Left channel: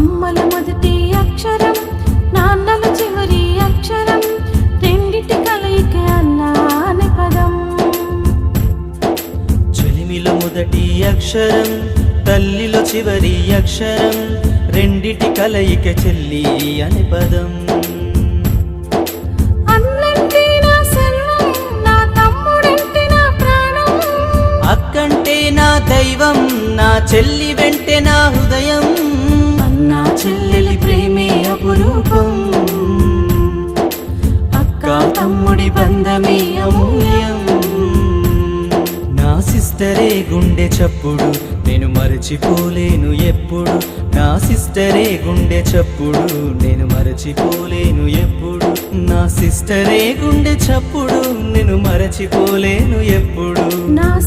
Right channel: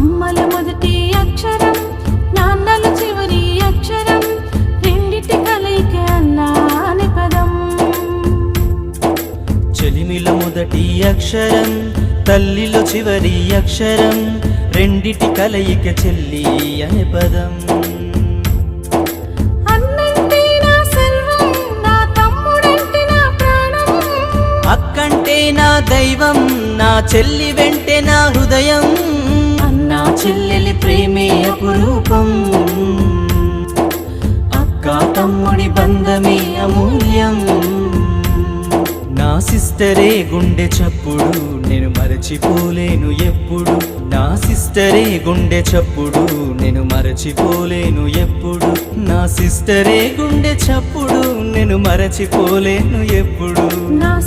అమ్మల మొదటి అక్షరం నాన్నల చివరి అక్షరం రెండిటి కలయిక అల్లాని పదం. చెలిమిల మొదటి అక్షరం తల్లిలో చివరి అక్షరం రెండిటి కలయిక చెల్లి అనే పదం. అక్కంటే నా దైవం నా చెల్లి వెంటే చెల్లెలి ప్రేమే అపురూపం. అక్క తమ్ముడి బంధమే అమూల్యం. నా సిస్టరే గుండె చప్పుడు నేను మరచిపోలేను ఎప్పుడు. నా సిస్టరే గుండె చప్పుడు నేను మరచిపోలేను ఎప్పుడు. నా సిస్టరే గుండె చప్పుడు నేను మరచిపోలేను ఎప్పుడు. నా